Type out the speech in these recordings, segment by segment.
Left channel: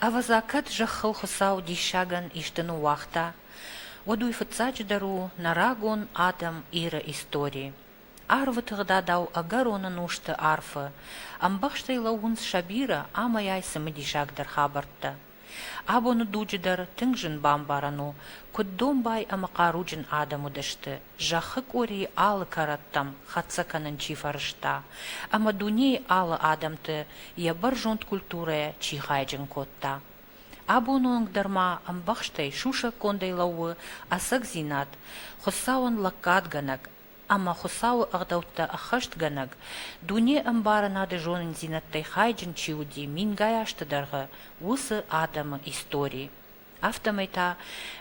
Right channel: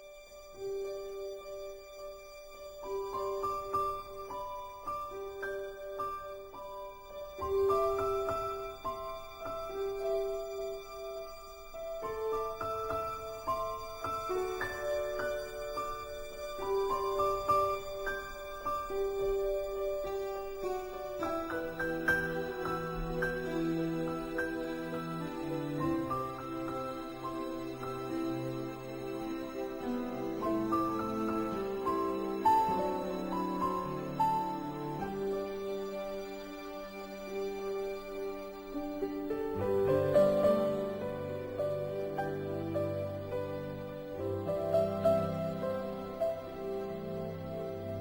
Авазакат жахыл хосау дишаган иштену вахта, одуй фацачдару нарагон адам ира истории. Арва тăгда дау агарона нушты арфы, амбахштай лаунс шабира амаяй самадишагдар хабартта. Абону дуджидар тыңжын бамбарану, куддомбай амақаруджын адаму дышты, жахык ори алы караттам хатсаканын чифарышта, ама дуне алы адамты ябар жонт культурая чихайджын котта. Абонуның дарма амбахштай шуша кондай лауы асак зинат, хосауын лаккадганак, ама хосауы ағдаутта ахаштганак, дуне амбаранады жонын зинаттай хайджын чиуди мингаяштыдарғы усы адамы истории. Автомайта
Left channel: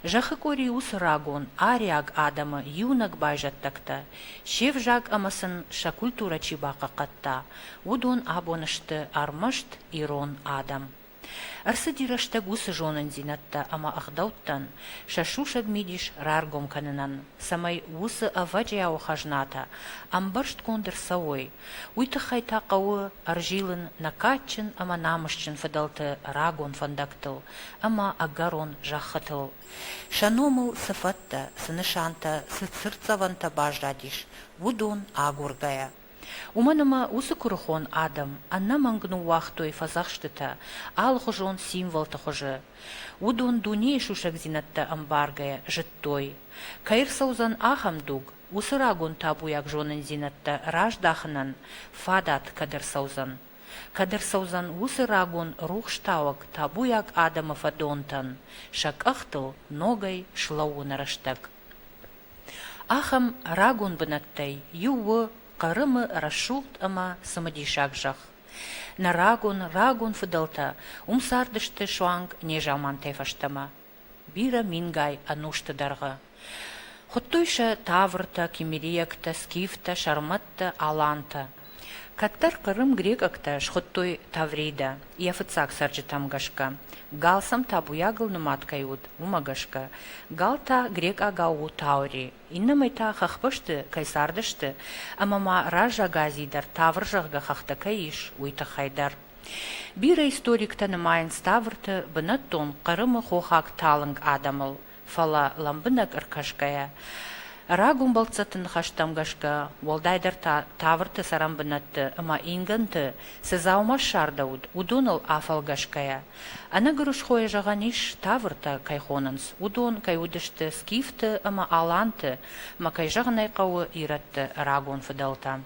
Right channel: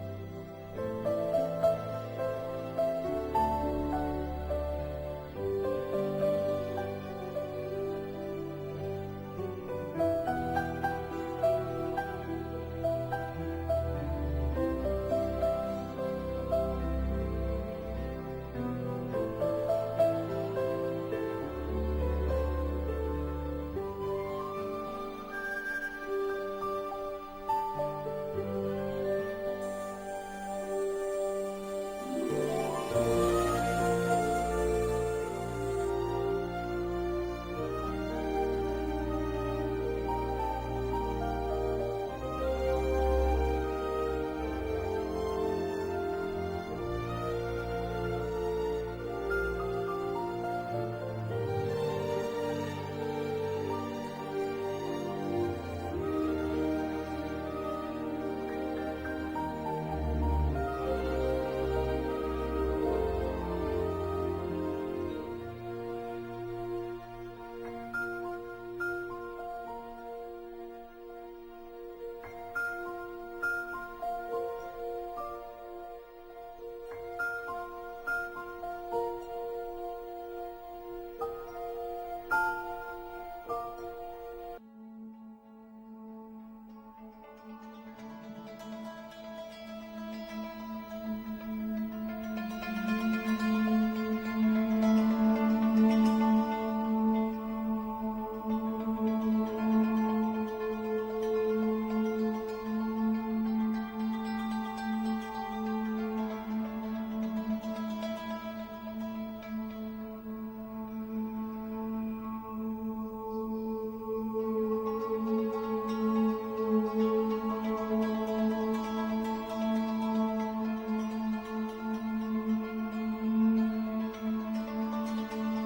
жахыкори ус рагон ариаг адамы юнак байжаттакта, шев жаг амасын ша культура чибака катта, удон абонышты армышт ирон адам. Арсы дирашта гусы жонын зинатта ама ахдауттан, шашушаг мидиш раргон канынан, самай гусы аваджия охажната, амбаршт кондыр савой, уйты хайта кауы аржилын накатчын ама намышчын фадалты рагон фандактыл, ама агарон жахатыл. Шаномыл сыфатта, сынышанта, сырцаванта баждатиш, удун агургая. Уманыма усы курхон адам, анна мангну вахтой фазахштыта, ал хожон символ тахожы. Удун дуне шушак зинатта амбаргая, жыттой. Каир саузан ахамдук, усы рагун табуяк жонын зинатта раждахынан, фадат кадыр саузан. Кадыр саузан усы рагун рухштавак табуяк адама фадонтан, шак ахтыл ногай шлау нарыштак. Ахам рагун бынаттай, ювы, Карымы рашулт ама самадишагжах. На рагун фыдалта, умсардышты шуанг нежаман тайфаштама. Бира мингай анушты дарга. Хоттуйша таврта, кемериякта, скифта, шарматта, аланта. Каттар Карым грекакта шхоттой таврида, яфыцак сарджы тамгашка. Галсам табуягыл нуматкайуд, умагашка. Галта грек агау таури. Иннамайта хахпышты, кайсардышты, амама ража газидар тавржагга хахта каиш, уйта хайдар. Бира историкта намайын ставрты, бынаттон Карымы хохак талынг адамыл, фала ламбынак аркашкая. Рагун балцатын хаштамгашка, волдайдар таврты сарамбынатты, ама инганты, сезаума шардауд, удунал афалгашкая. Ана грушхоя жаганиш таврта кайхонанс, удун кайудышты скифты, ама аланты, ма кайжаганай кауы иратты рагун фыдалта.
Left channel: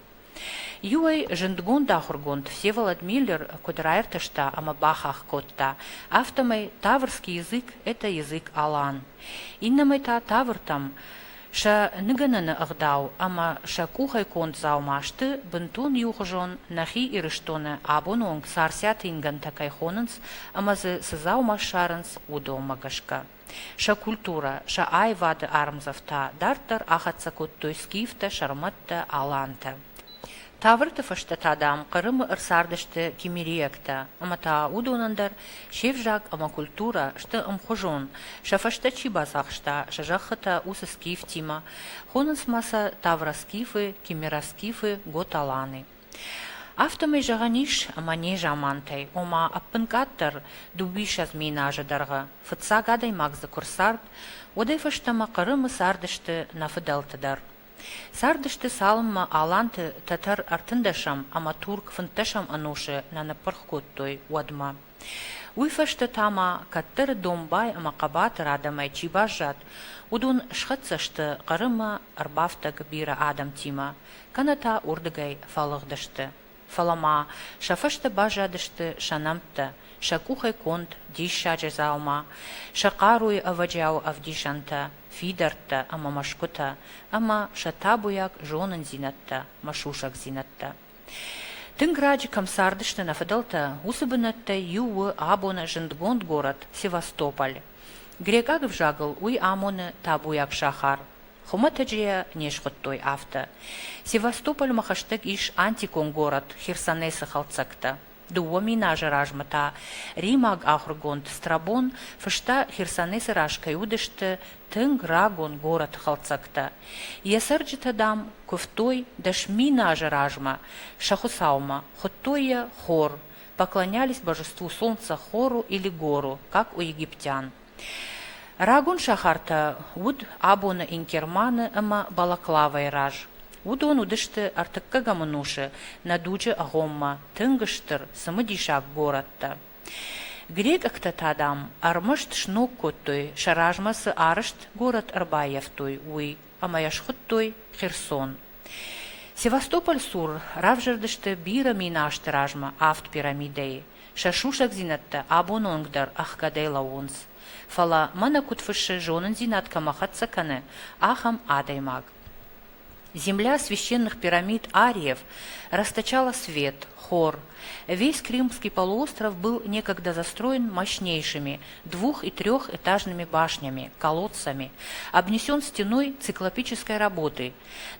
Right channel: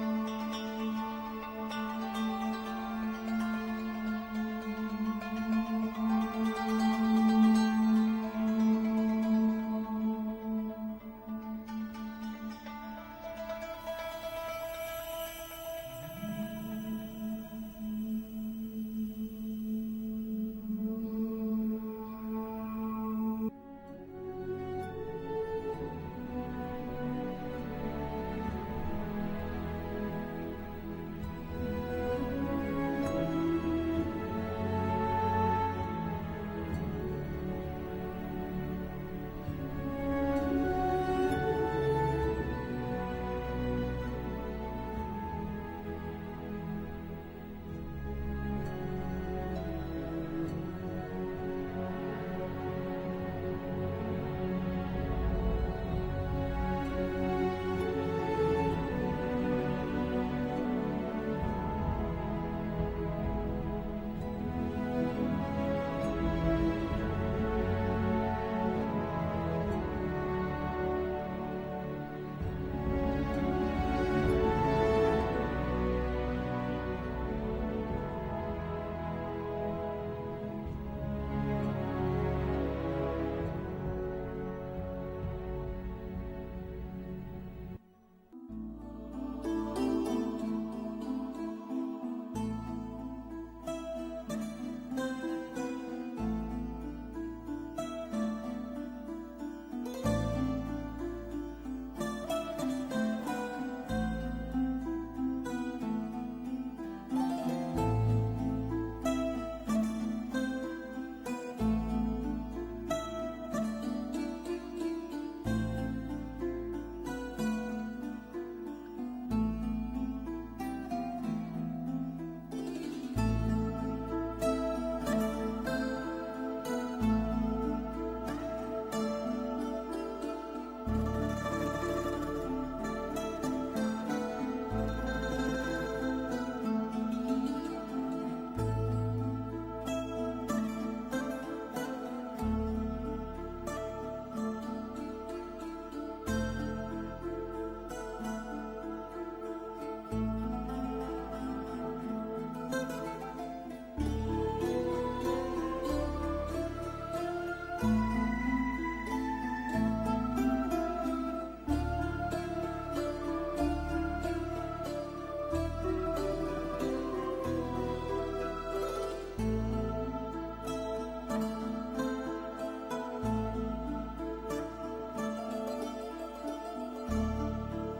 Юай жындгун дахургунд Всеволод Миллер кудрайртышта, ама бахах котта. Автомай таврский язык – это язык алан. Иннамайта тавртам ша ныгананы агдау, ама ша кухай конт заумашты, бынтун юхожон нахи ирыштоны абононг сарсят инган такайхонанс, ама зы сызаумашарынс удомагашка. Ша культура, ша айвады армзавта, дартар ахатса коттой скифта, шарматта, аланта. Таврты фаштатадам Карымы ырсардышты кемериякта, ама та удонандар шевжак ама культура шты амхожон, ша фашта чибасахшта, ша жахата усы скиф тима, хонынс маса тавра скифы, кемера скифы, готаланы. Автомай жағаниш мане жамантай, ома аппынкаттыр дубиш аз минажыдарға, фытса гадай мағзы курсард, одай фаштама қырымы сардышты нафыдалтыдар. Сардышты салымма аланты татар артындашам, ама турк фынташам анушы нанапырх коттой одма. Уйфашты тама каттыр домбай ама қабатыр адамай чибажат, удун шхатсашты қырыма арбафта гбира адам тима, каната урдыгай фалығдышты. Фалама, шафышты бажадышты шанамты, шакухай конт диша джазалма, шақаруй аваджау авдишанта, фидарта ама машкута, ама шатабуяк жонын зинатта, машушак зинатта. Тынграджи камсардышты нафадалта, усыбынатта ювы абоны жындгонд город Севастополь. Грекагов жагыл уй амоны табуяк шахар. Хуматаджия нешхоттой авто. Севастополь махаштык иш антикон город Херсонеса халцакта. Дуо минажа ражмата. Римаг ахргонд Страбон фышта Херсонеса рашкай удышты тынг рагон город халцакта. Ясарджита дам куфтой даш минажа ражма шахусаума хоттоя хор. Поклонялись божеству солнца хору или гору, как у египтян. Рагун шахарта уд абона инкерманы ама балаклавай раж. Удон удышты артыкка гамануши надуджи агомма тынгыштыр самыдишак горатта. Грек актатадам армышт шнок коттой шаражмасы арышт город Арбаевтой уй, ама яшхыттой Херсон. Севастополь сур равжардышты бира минашты ражма авт пирамидей. Шашушак зинатта абононгдар ахкадай лаунс. Фала мана кутфыши жонын зинатка махатсаканы ахам адаймаг. Земля священных пирамид ариев расточала свет, хор. Весь Крымский полуостров был некогда застроен мощнейшими двух- и трехэтажными башнями, колодцами, обнесен стеной циклопической работы.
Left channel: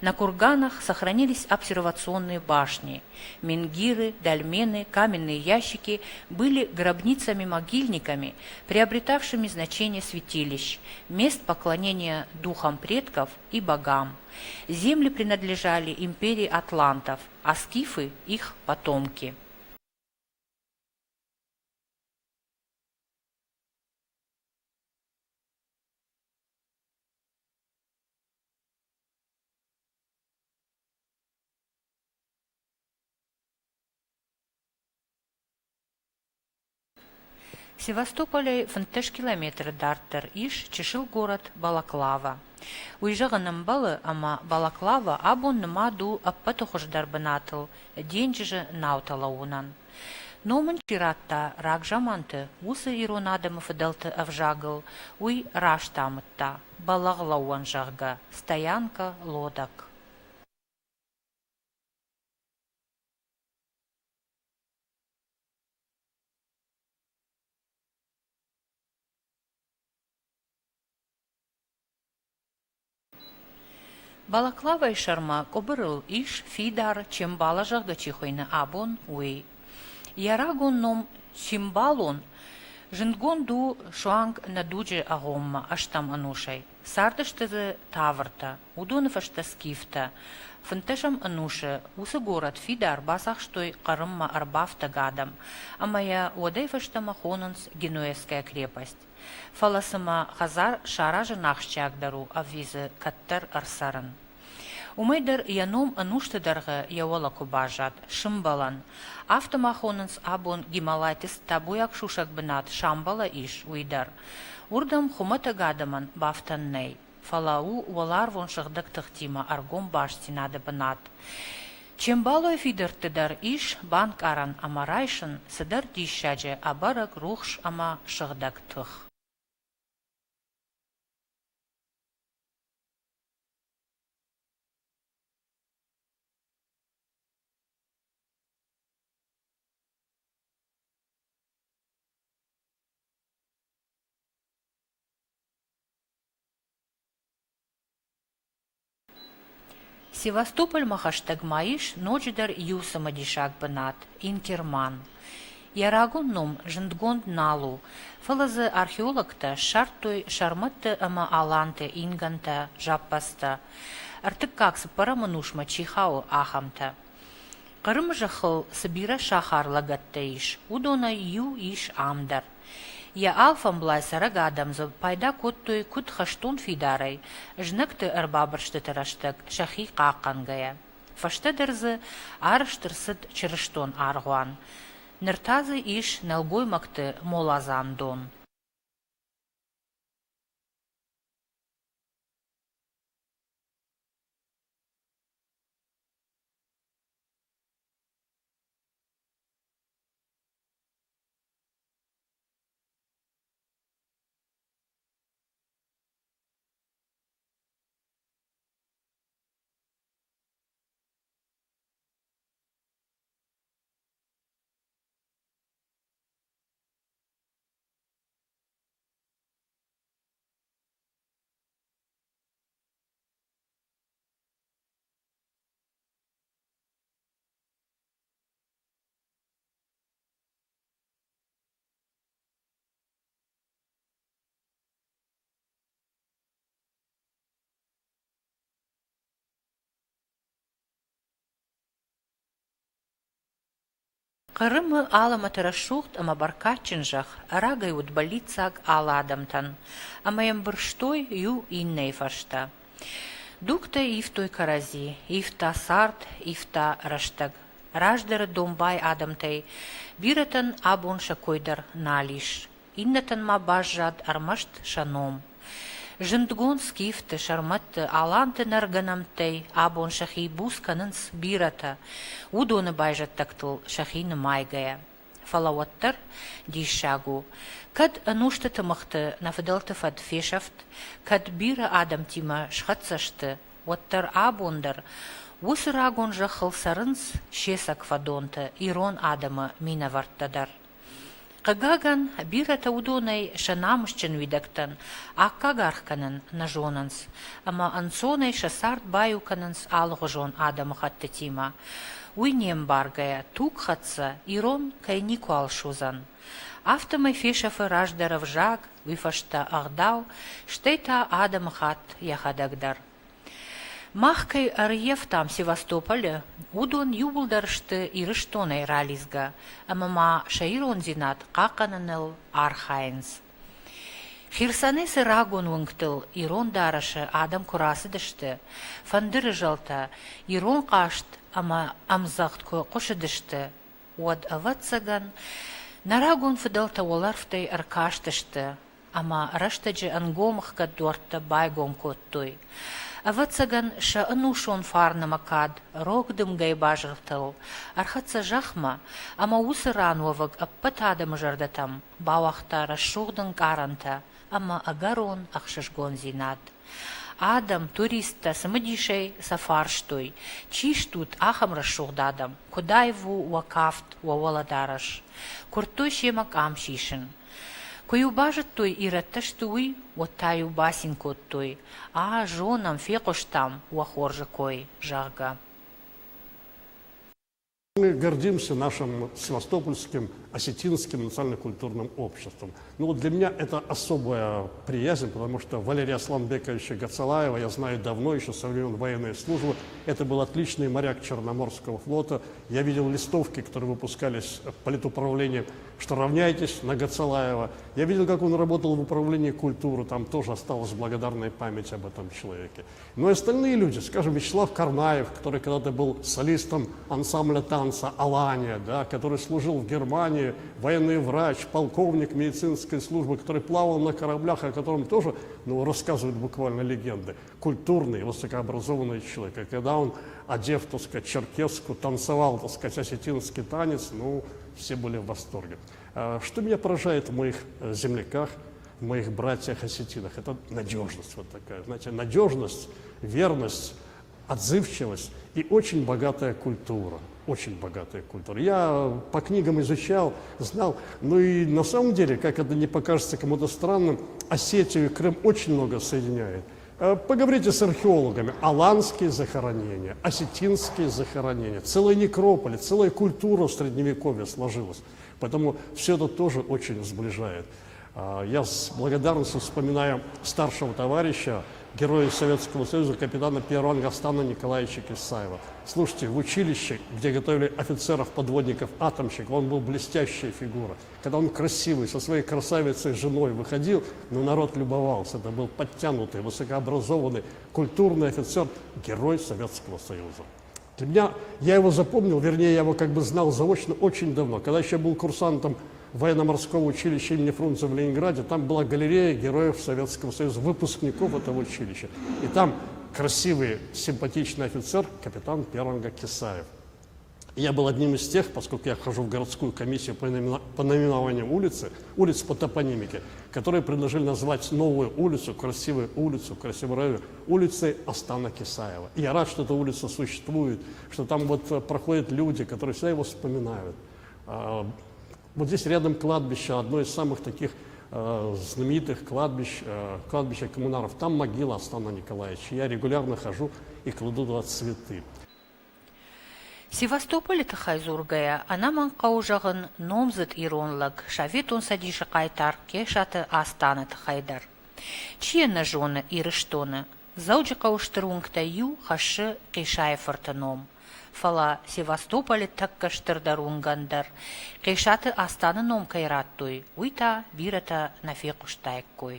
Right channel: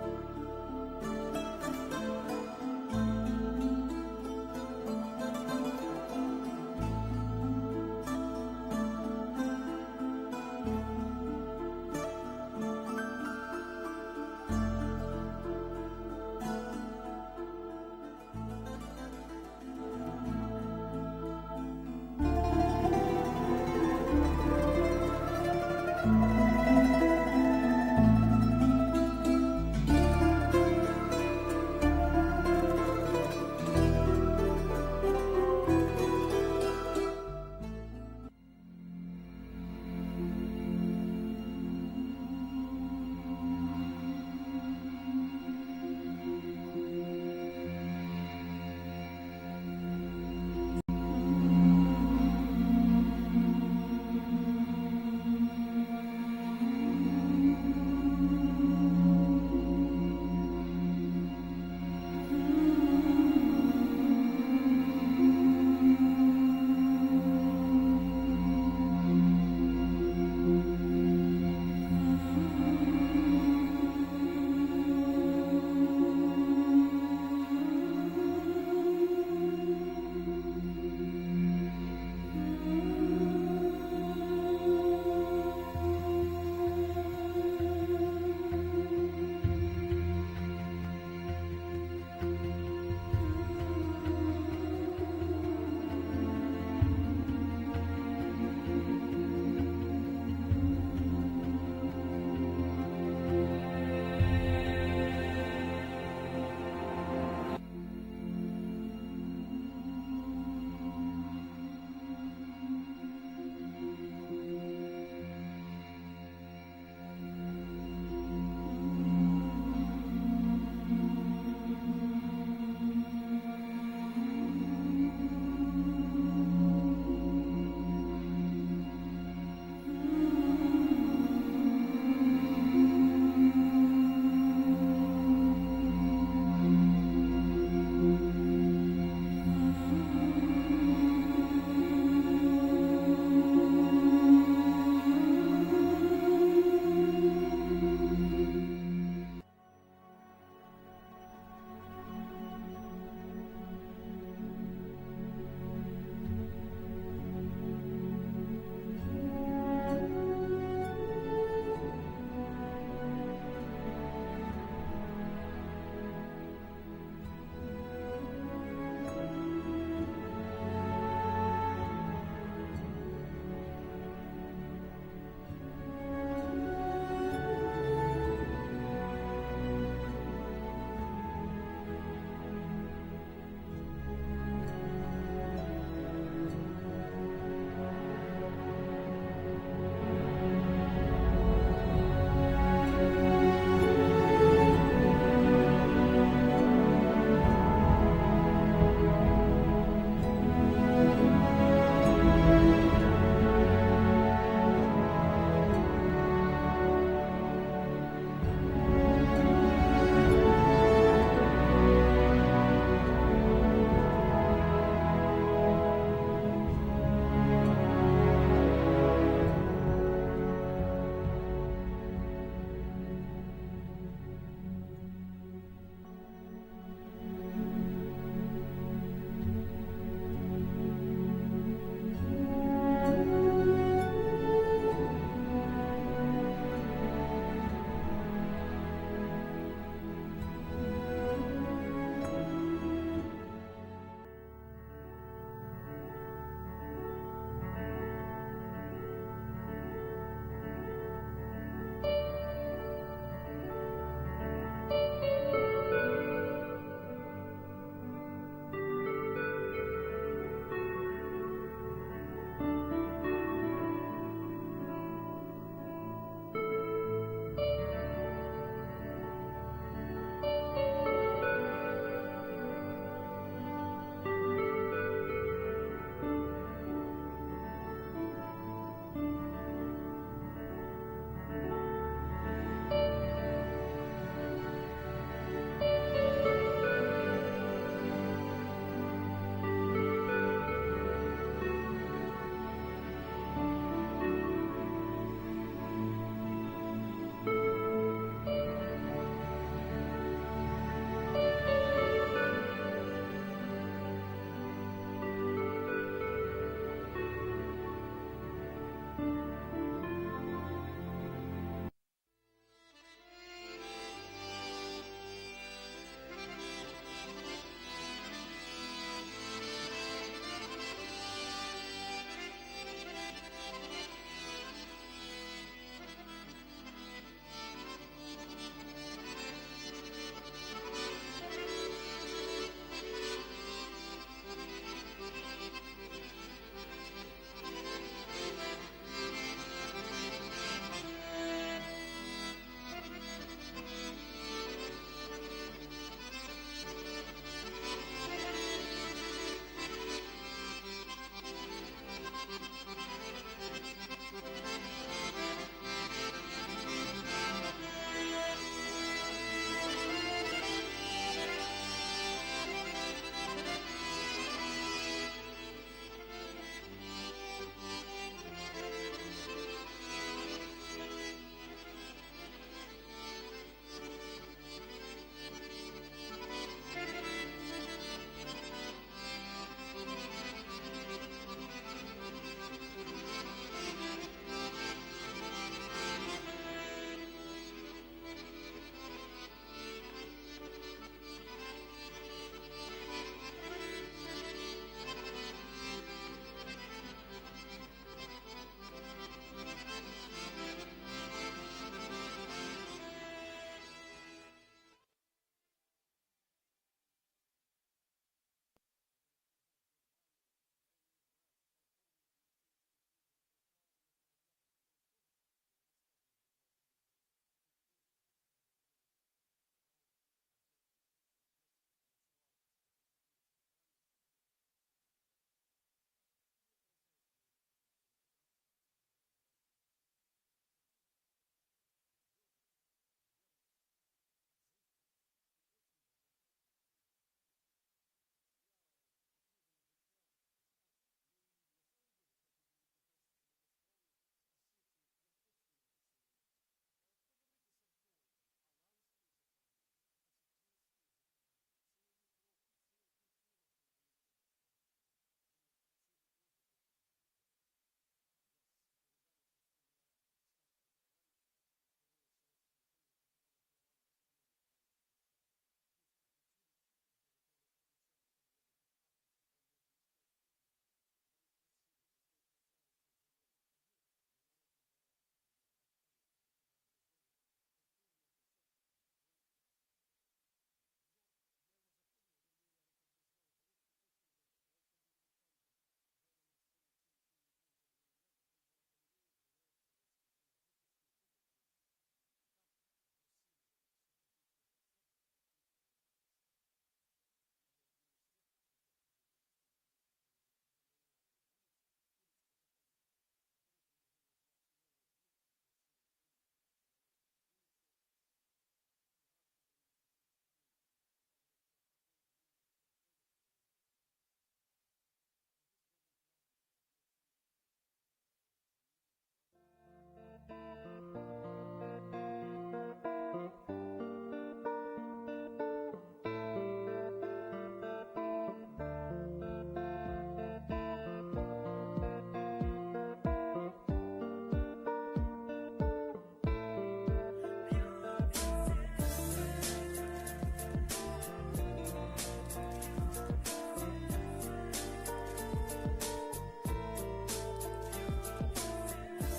На курганах сохранились обсервационные башни. Менгиры, дольмены, каменные ящики были гробницами-могильниками, приобретавшими значение святилищ, мест поклонения духам предков и богам. Земли принадлежали империи атлантов, а скифы – их потомки. В Севастополе фынтыш километр дартыр иш чешил город Балаклава. Уйжағаным балы, ама Балаклава абон нема ду аппатохождар бынатыл, денжі наутала унан. Номын чиратта рак жаманты, усы иронадымы фыдалты авжагыл, уй раштамытта, балағлауан жағға, стоянка лодак. Балаклава и шарма кобырыл иш фидар чембала жағға чихойны абон уй. Ярагон ном симбалон жынгон ду шуанг надуджи агомма аштам анушай. Сардыштызы таврта, удоны фашта скифта. Фынтышам анушы, усы город фидар басах штой қарымма арбафта гадам, амая одай фаштама хонынс Генуэзская крепость. Фаласыма хазар шаражы нахшчагдару авизы каттар арсарын. Умайдар яном ануштыдарғы яуала кубажат, шымбалан. Автомахонынс абон гималайтис табуяк шушак бынат шамбала иш уйдар. Урдам хумата гадаман бафтанней. Фалау уалар вон шагдак тыхтима аргом баштинады бынат. Чембалой фидертыдар иш банк аран амарайшын сыдар дишаджы абарак рухш ама шагдак тых. Севастополь махаштаг маиш ночдар юсама дишак бынат, инкерман. Ярагун ном жындгонд налу, фалазы археологта шартой шарматты ама аланты инганта жаппаста, артыккакс параманушма чихау ахамта. Qırım jıxıl Sibira şaharлагатта иш, удона ю иш амдар. Я алфам блайсараг адамзы пайда куттой кут хаштун фидарай, жныкты ырбабыршты тырыштык, шахи қаққангая. Фаштыдырзы арыштырсыт чырыштон арғуан. Ныртазы иш налгоймакты молазандон. Qırımı alama tırışuht ama barkaçınjaq, ragay utbalitsaq ala adamtan, ama yambırştoy yu inney faşta. Dukta iftoy karazi, ifta sart, ifta raştag. Rajdar dombay adamtay, biratan abun şakoydar naliş. Innatan ma bajjad armasht şanom. Жындгон скифты шарматты аланты нарганамтай абон шахи бусканынс бирата, удоны байжаттактыл шахины майгая. Фалаваттар дишагу. Кад анушты тымыхты нафыдалты фат фешафт, кад бира адам тима шхатсашты, оттар абондар, усыр агон жахыл сарынс шесак фадонты, ирон адама минаварттадар. Қагаган бирата удонай шанамышчын видактан, аккагархканын нажонанс, ама ансонай шасарт баюканынс алғыжон адамы хатты тима. Уйнем баргая, тук хатса, ирон кайнику алшузан. Автомай фешафы раждаров жаг, вифашта агдау, штейта адамы хат яхадагдар. Махкай арьев там Севастополе, удон юбулдаршты ирыштонай рализга, амама шаирон зинат каканыныл архайнс. Хирсанесы рагон выңктыл ирон дарашы адам курасыдышты, фандыры жалта ирон кашт, ама амзахтко кошыдышты, уад аватсаган, нарагон фыдалта оларфтай аркаштышты, ама раштаджы ангомахка дуарта байгон коттой. Аватсаган ша анушон фарна макад, рогдым гай бажыртыл, архатса жахма, ама усырануаваг аппат адам жардатам, бауахта расшугдын каранта, ама агарон ахшышгон зинат. Адам туриста самадишей сафарштой, чиштут ахам расшугдадам, кудайву вакафт ваваладараш, куртой шемак амшишин. Кою бажат той иратташтуй, оттаю басинкот той, а жонам фекоштам уахоржакой жага. Мы гордимся нашим севастопольским, осетинским национально-культурным обществом. Ну вот для меня это особая приязнь, потому что Валерия Асламбековича Гацалаева я знаю давно, еще со времен военной службы. Это был отличный моряк Черноморского флота. Я видел листовки, которые выпускались от политуправления, что равняйтесь на Гацалаева. Я видел, как он работал в управлении культуры, там тоже осталась благодарная память об этом человеке. Но и остальные люди, скажем, Вячеслав Карнаев, который когда-то был солистом ансамбля танца «Алания», да, который служил в Германии, военный врач, полковник медицинской службы, который плавал на кораблях, о котором тоже рассказывают буквально легенды. Культурный, высокообразованный человек. И когда он, одев, так сказать, черкеску, танцевал, так сказать, осетинский танец, все были в восторге. Что меня поражает в моих земляках, в моих братьях-осетинах, это надежность вот такая, знаете, надежность, верность, отзывчивость и очень богатая культура, очень богатая культура. Я по книгам изучал, знал, и на самом деле, как это не покажется кому-то странным, Осетию и Крым очень много соединяет. Поговорите с археологами, аланские захоронения, осетинские захоронения, целые некрополи, целая культура в Средневековье сложилась, поэтому все это тоже очень сближает. Я с благодарностью вспоминаю старшего товарища, героя Советского Союза, капитана первого ранга Стана Николаевича Кисаева. Слушайте, в училище, где готовили офицеров-подводников, атомщик, он был блестящая фигура. Когда он красивый, со своей красавицей женой выходил, народ любовался. Это был подтянутый, высокообразованный, культурный офицер, герой Советского Союза. Для меня, я его запомнил, вернее, я его как бы знал заочно очень давно. Когда еще был курсантом военно-морского училища имени Фрунзе в Ленинграде, там была галерея героев Советского Союза, выпускников этого училища. И там красивый, симпатичный офицер, капитан первого ранга Кисаев. И я был одним из тех, поскольку я хожу в городскую комиссию по наименованию улиц по топонимике, которые предложили назвать новую улицу, красивую район, улицей Астана Кисаева. И я рад, что эта улица существует, что там вот проходят люди, которые всегда его вспоминают. Вот здесь рядом кладбище, одно из самых таких знаменитых кладбища коммунаров. Там могила Астана Николаевича. Я регулярно хожу и кладу туда цветы. Севастополь тахайзургая, анаман каужагын номзыт иронлаг, шаветун садиша кайтар, кешаты Астана тахайдар. Чьена жона ирыштоны, зауджа кауштырунгта ю хашы кешайфартаном. Фала Севастополь таккаштырдарунгандар, кешаты Астана ном кайраттуй, уйта бирата нафекуштайккуй.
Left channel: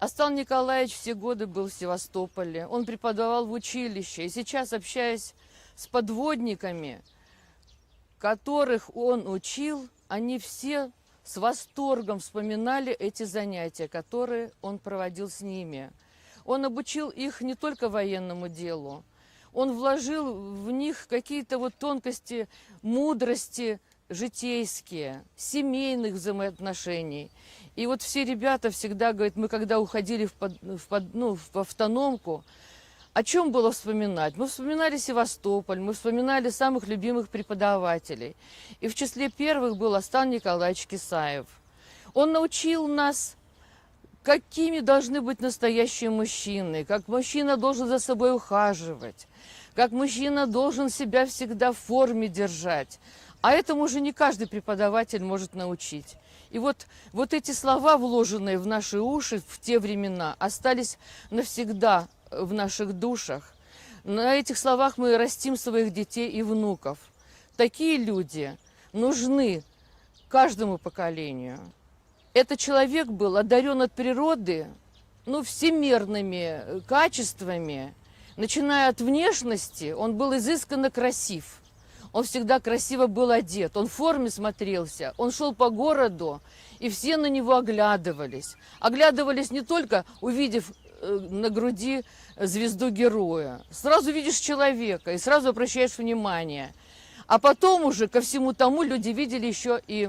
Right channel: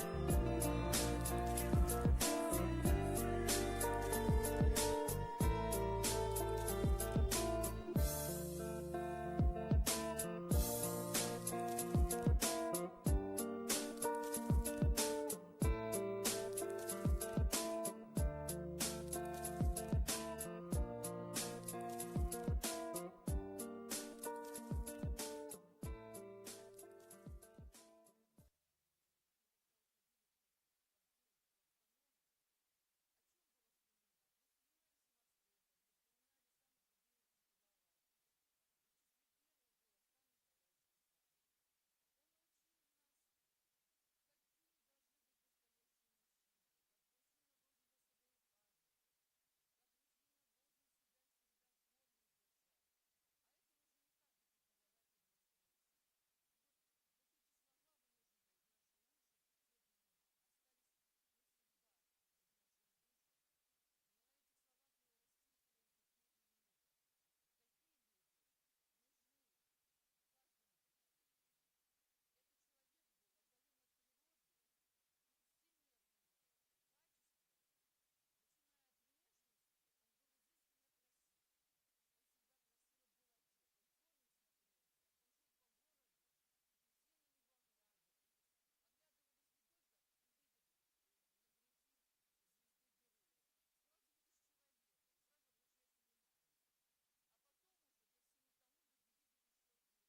Астан Николаевич все годы был в Севастополе. Он преподавал в училище. И сейчас, общаясь с подводниками, которых он учил, они все с восторгом вспоминали эти занятия, которые он проводил с ними. Он обучил их не только военному делу. Он вложил в них какие-то вот тонкости, мудрости житейские, семейных взаимоотношений. И вот все ребята всегда говорят, мы когда уходили в автономку, о чем было вспоминать? Мы вспоминали Севастополь, мы вспоминали самых любимых преподавателей. И в числе первых был Астан Николаевич Кисаев. Он научил нас, какими должны быть настоящие мужчины, как мужчина должен за собой ухаживать, как мужчина должен себя всегда в форме держать. А этому уже не каждый преподаватель может научить. И вот эти слова, вложенные в наши уши в те времена, остались навсегда в наших душах. На этих словах мы растим своих детей и внуков. Такие люди нужны каждому поколению. Этот человек был одарен от природы всемирными качествами. Начиная от внешности, он был изысканно красив. Он всегда красиво был одет, он в форме смотрелся, он шел по городу, и все на него оглядывались. Оглядывались не только увидев на груди звезду героя. Сразу видишь человека и сразу обращаешь внимание. А потом уже ко всему тому люди видели еще и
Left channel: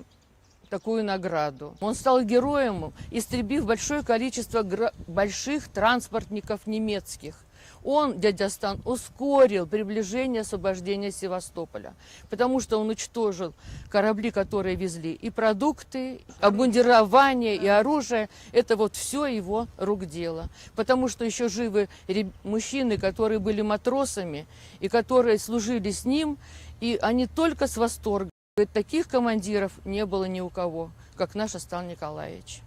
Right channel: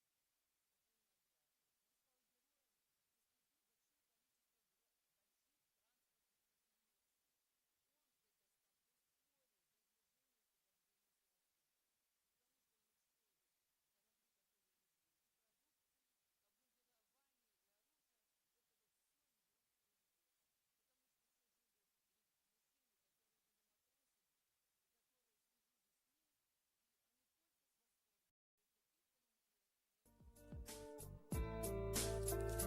такую награду. Он стал героем, истребив большое количество больших транспортников немецких. Он, дядя Астан, ускорил приближение освобождения Севастополя, потому что он уничтожил корабли, которые везли и продукты, обмундирование, и оружие. Это вот все его рук дело. Потому что еще живы мужчины, которые были матросами и которые служили с ним, и они только с восторгом. Таких командиров не было ни у кого, как наш Астан Николаевич.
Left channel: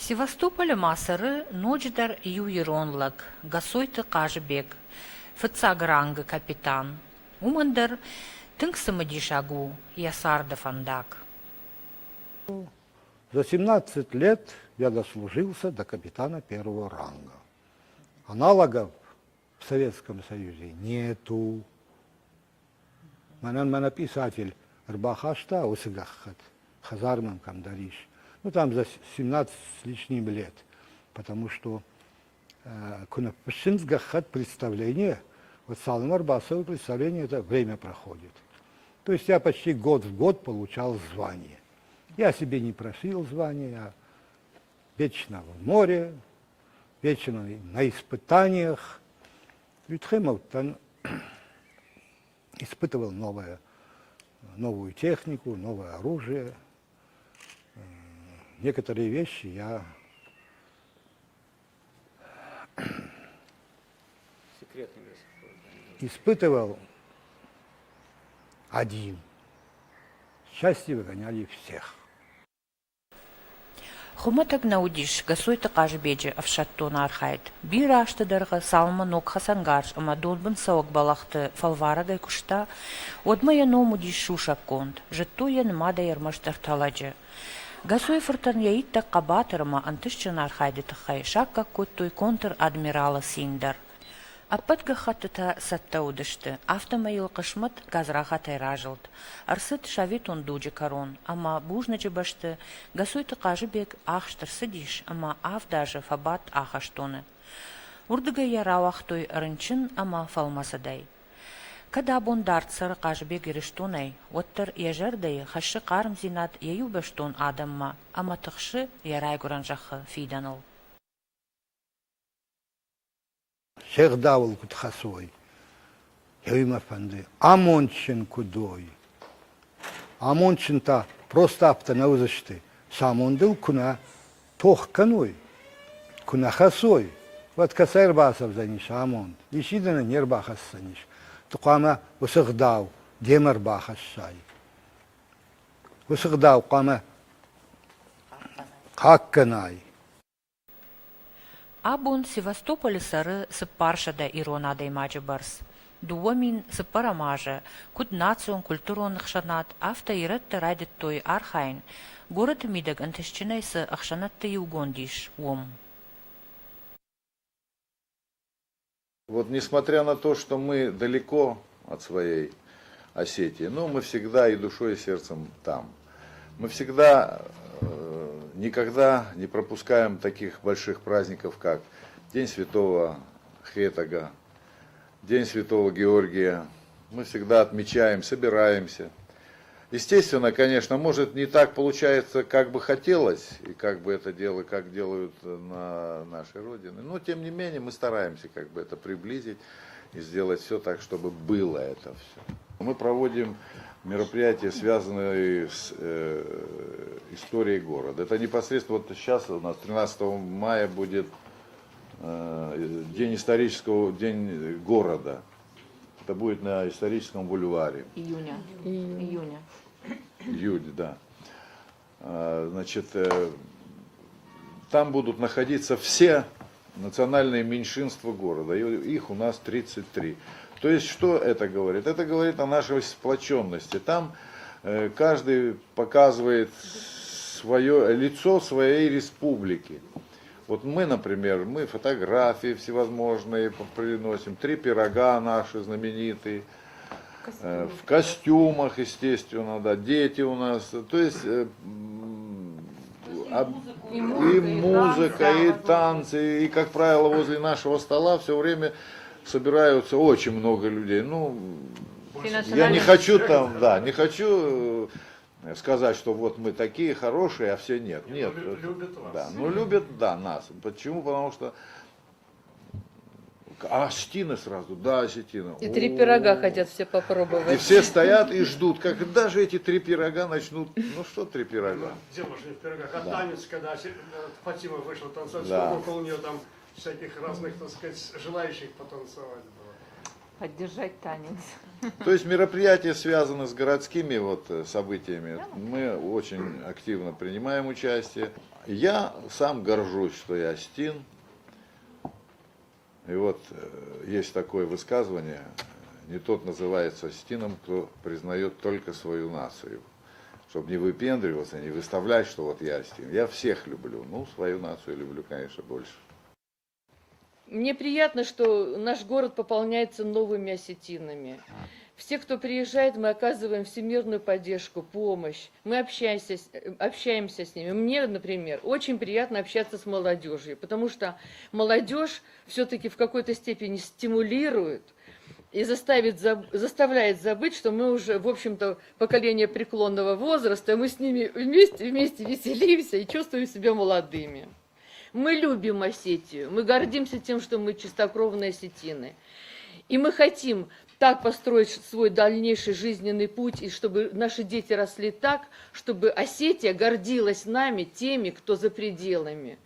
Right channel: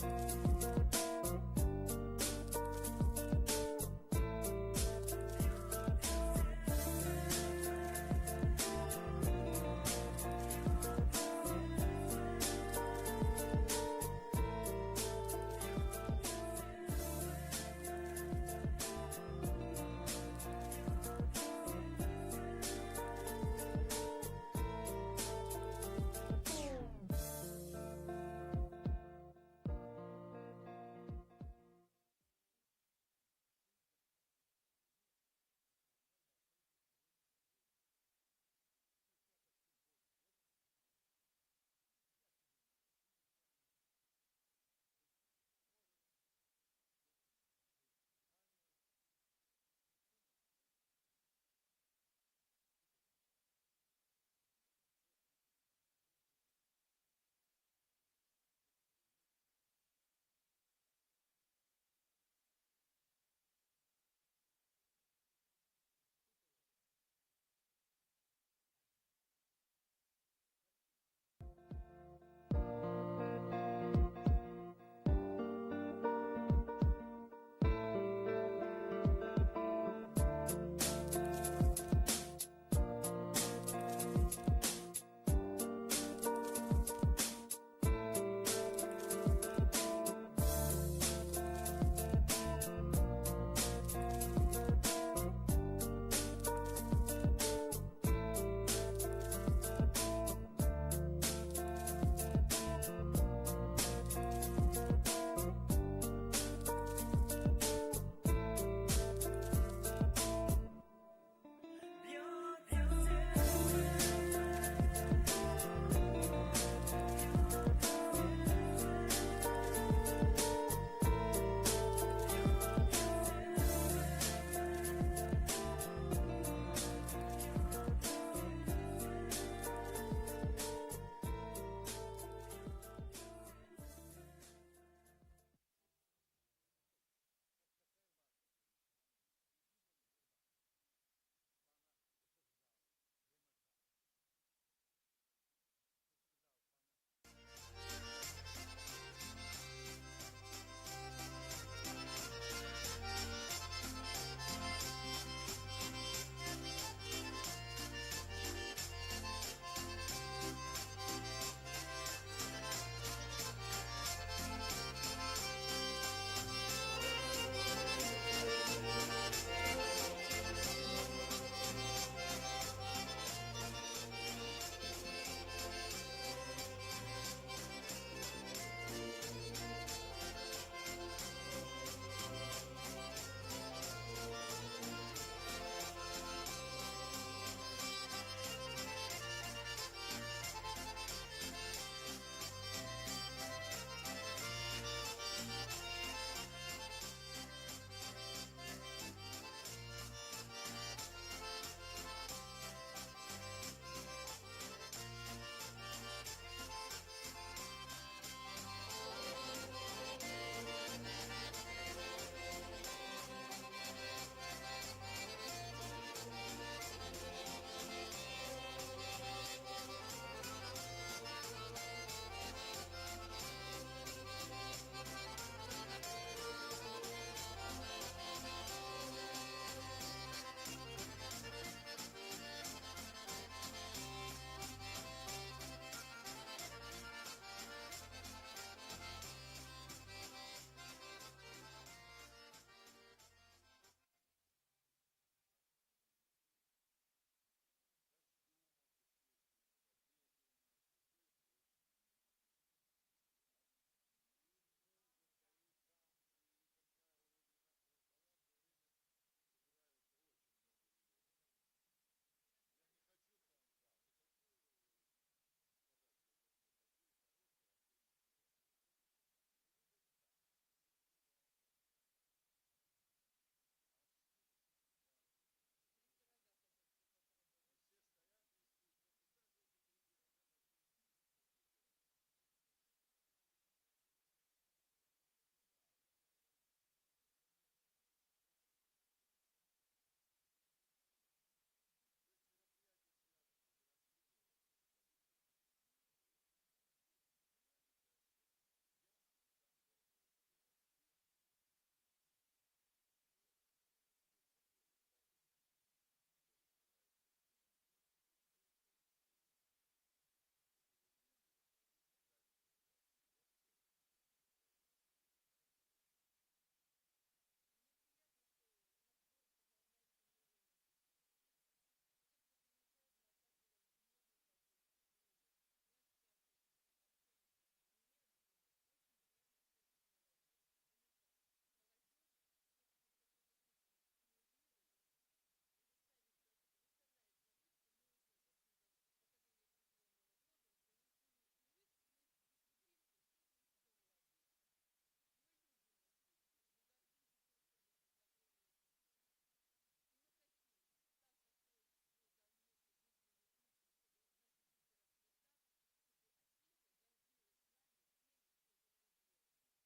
Севастополь масары ночдар юиронлаг, гасойты кажбек, фыцагранга капитан, умандар тынксамадишагу, ясарда фандак. За 17 лет я дослужился до капитана первого ранга. Аналогов в Советском Союзе нету. Мана писатель Рбахашта Усыгахат, Хазарман Кандариш. Там за 17 с лишним лет, потому что Кунапшинсгахат представление, вот Салым Арбасовое представление, это время проходит. То есть я почти год в год получал звание. Я себе не просил звания, я вечно в море, вечно на испытаниях. Ютхемов испытывал новую технику, новое оружие. Некоторые вещи я испытывал один. Счастье выгоняли всех. Хуматаг наудиш, гасой тақаж беджи авшаттон архайд. Бира аштыдарға салма ног хасангарш, ама долбын саук балақты фалварадай кушта, одмая номудиш шушак конд, жеттуя нмада ярмаштар таладжи. Гасой фыртан яитта қабатырма антышчын архайды тықай, шакка коттой контр-адмирала синдар. Аппатка хаттыта сатта удышты, автомайыл қышмыт газраха тайражылд. Арсыт шавит он дуджи корон, ама бужначы башты, гасой тықажы бек ахштыр сыдиш, ама авдажы фабат ахаштоны. Урдыга ярауахтой рынчын, ама фалмасадай. Когда бондарт сырықажы бек ирыштунай, оттыр ежардай хашы қарым зинат ею баштун адамма, ама тықшы ярайгуран жақы фиданул. Шех давыл кут хасой. Яйма панды. Амончин кудой. Амончин-то просто аптана узышты. Самондыл куна тох каной. Куна хасой. Вот касайр басов заниш амонд. Ишидана нербахас заниш. Туқама высыгдау демар бахас шай. Высыгдау қама хакканай. Абун Севастополь сары сыппаршада иронада имаджи барс. Дуомин сыппарамажа, куд национ культурон хшанат, авто иретта радит той архайн, город мидаг антышчинай с ахшанатта югондиш, ом. Вот несмотря на то, что мы далеко от своей Осетии, но мы всегда и душой, и сердцем там. Мы всегда никогда не пропускаем таких больших праздников, как День Святого Хетага, День Святого Георгия. Мы всегда отмечаем, собираемся. Естественно, конечно, может не так получается, как бы хотелось, и как бы это дело, как делают на нашей родине. Но тем не менее мы стараемся как бы это приблизить и сделать все так, чтобы было это все. Мы проводим мероприятия, связанные с историей города. Это непосредственно вот сейчас у нас 13 мая будет день исторического, день города. Это будет на историческом бульваре. Июня, да. Значит, там будут находиться все национальные меньшинства города. Их у нас 33. То есть, что это говорит? Это говорит о нашей сплоченности. Там каждый показывает свое лицо своей республики. Вот мы, например, мы фотографии всевозможные приносим, 3 пирога наши знаменитые, в костюмах, естественно, да, дети у нас, то есть и музыка, и танцы, и, как правило, возле нашего стола все время собираются очень много людей. Ну, я не хочу там, да, не хочу сказать, что вот мы такие хорошие, а все нет. Нет. Любят вас. Да, ну любят, да, нас. Почему? Потому что осетины сразу, да, осетины. И 3 пирога хотят все попробовать. И все стоят и ждут, когда же эти 3 пирога начнут. Ну что 3 пирога? Дело же не в пирогах, а Да. танец, когда Фатима вышла танцевать, Да. сколько около нее там всяких разных, так сказать, желающих потанцевать было. Поддержать танец. То есть мероприятия связаны с городскими вот событиями. Мы очень активно принимаем участие. Я сам горжусь, что я осетин. И вот есть такое высказывание: не тот называется осетином, кто признает только свою нацию. Чтобы не выпендриваться, не выставлять, что вот я осетин. Я всех люблю. Ну, свою нацию люблю, конечно, больше. Мне приятно, что наш город пополняется новыми осетинами. Все, кто приезжает, мы оказываем всемирную поддержку, помощь. Мы общаемся с ними. Мне, например, очень приятно общаться с молодежью, потому что молодежь все-таки в какой-то степени стимулирует и заставляет забыть, что мы уже, в общем-то, поколение преклонного возраста, мы с ними вместе веселимся и чувствуем себя молодыми. Мы любим Осетию, мы гордимся тем, что мы чистокровные осетины. И мы хотим так построить свой дальнейший жизненный путь, и чтобы наши дети росли так, чтобы Осетия гордилась нами, теми, кто за пределами.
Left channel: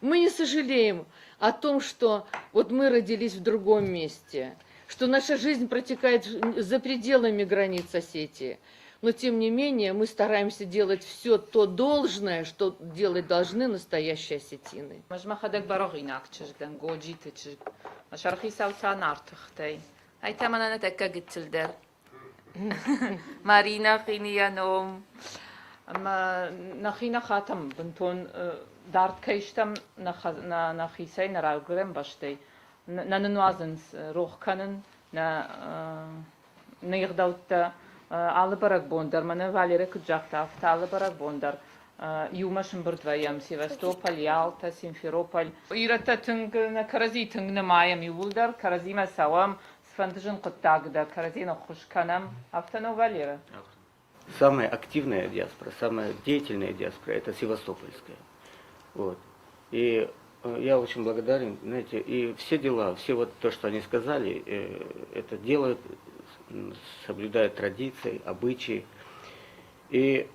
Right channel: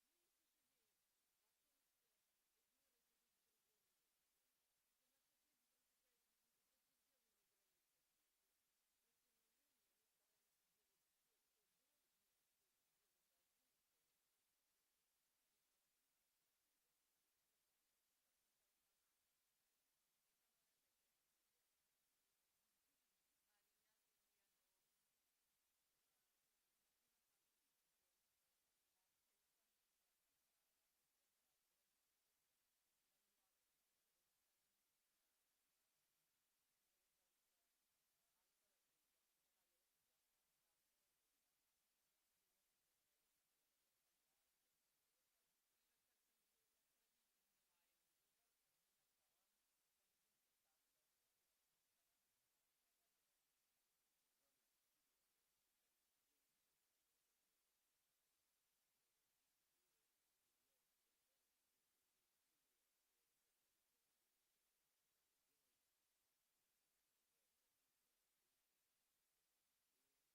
Мы не сожалеем о том, что вот мы родились в другом месте, что наша жизнь протекает за пределами границ Осетии. Но тем не менее мы стараемся делать все то должное, что делать должны настоящие осетины. مجمع براغيناك تشجدن جوجي تشج مشارخي ساوتان ارتختي هاي تمانا نتأكد تلدر مارينا خينيا نوم اما نخينا خاتم بنتون دارت كيشتم نخيسي نراغرم باشتي ننوازنس روح كانن نيغدوت алыбарак бондар, мана Валерия Куджактав, алыбарак бондар. Юмашын бирдваям, Севастополь, Ялта, Симферополь. Ирата тынг на карази тынг на маям юлдар, каразима савам, сфантажин куттагда, каразина хушканам, автоно Валера. Самая активная диаспора, самая деятельная диаспора – это севастопольская. Вот. И я очень благодарен, знаете, и все дела, все вот то, что они сказали, это делают, соблюдают традиции, обычаи. И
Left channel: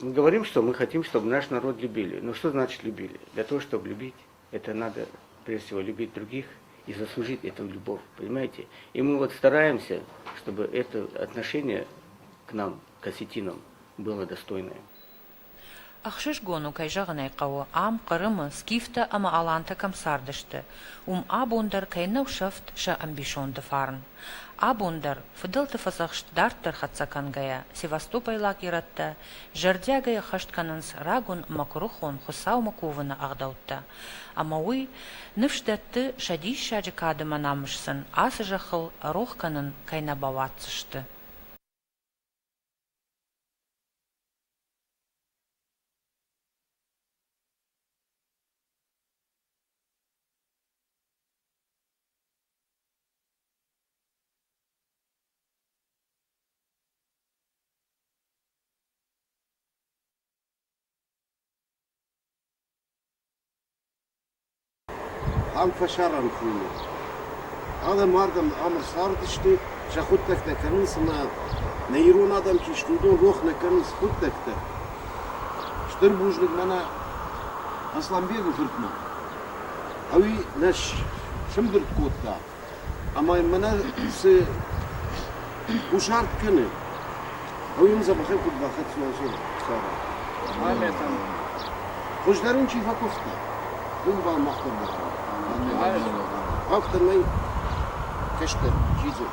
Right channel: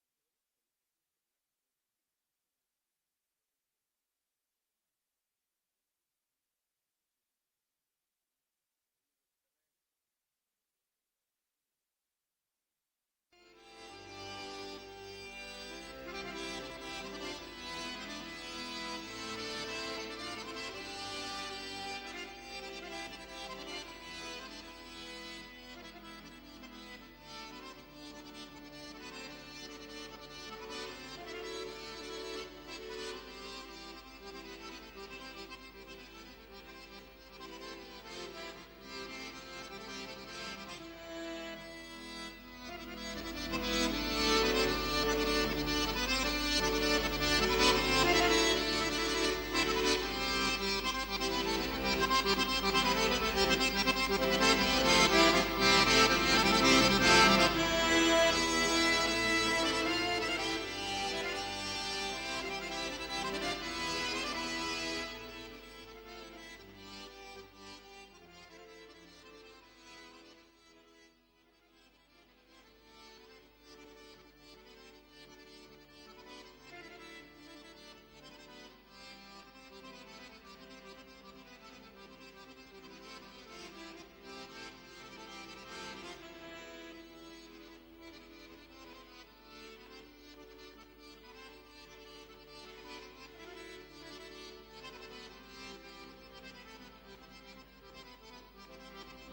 мы говорим, что мы хотим, чтобы наш народ любили. Но что значит любили? Для того, чтобы любить, это надо, прежде всего, любить других и заслужить эту любовь, понимаете? И мы вот стараемся, чтобы это отношение к нам, к осетинам, было достойное. أخشش جونو كي جغني قوة عام قرمة سكيفتا أما ألانتا كم ساردشتا أبوندر كي نو شفت شا أمبيشون دفارن أبوندر فضلت فزخشت دارتر خدسكان جايا سيفاستوباي لاكيرتا جرديا جايا خشت كاننس راغون مكروخون خساو مكوفنا أغدوتا أما وي نفشدت شديش شاجي كادما نامشسن آسجخل روح كانن كي نبواتشت عم فشارن فيه هذا مردم أمر صار تشتي شخوتك تكنس ما نيرون آدم كيشتودون روح نكنس خودك تا شتر بوجلك منا أصلا بيرو فرتنا أوي نش شمدر تكوتا أما منا س وشارت كنه أوي مزا بخير كنت باخد سواسون صار خوش دارون چی فکوفتا اون با مختار بخواه أكثر من كشتر جيزو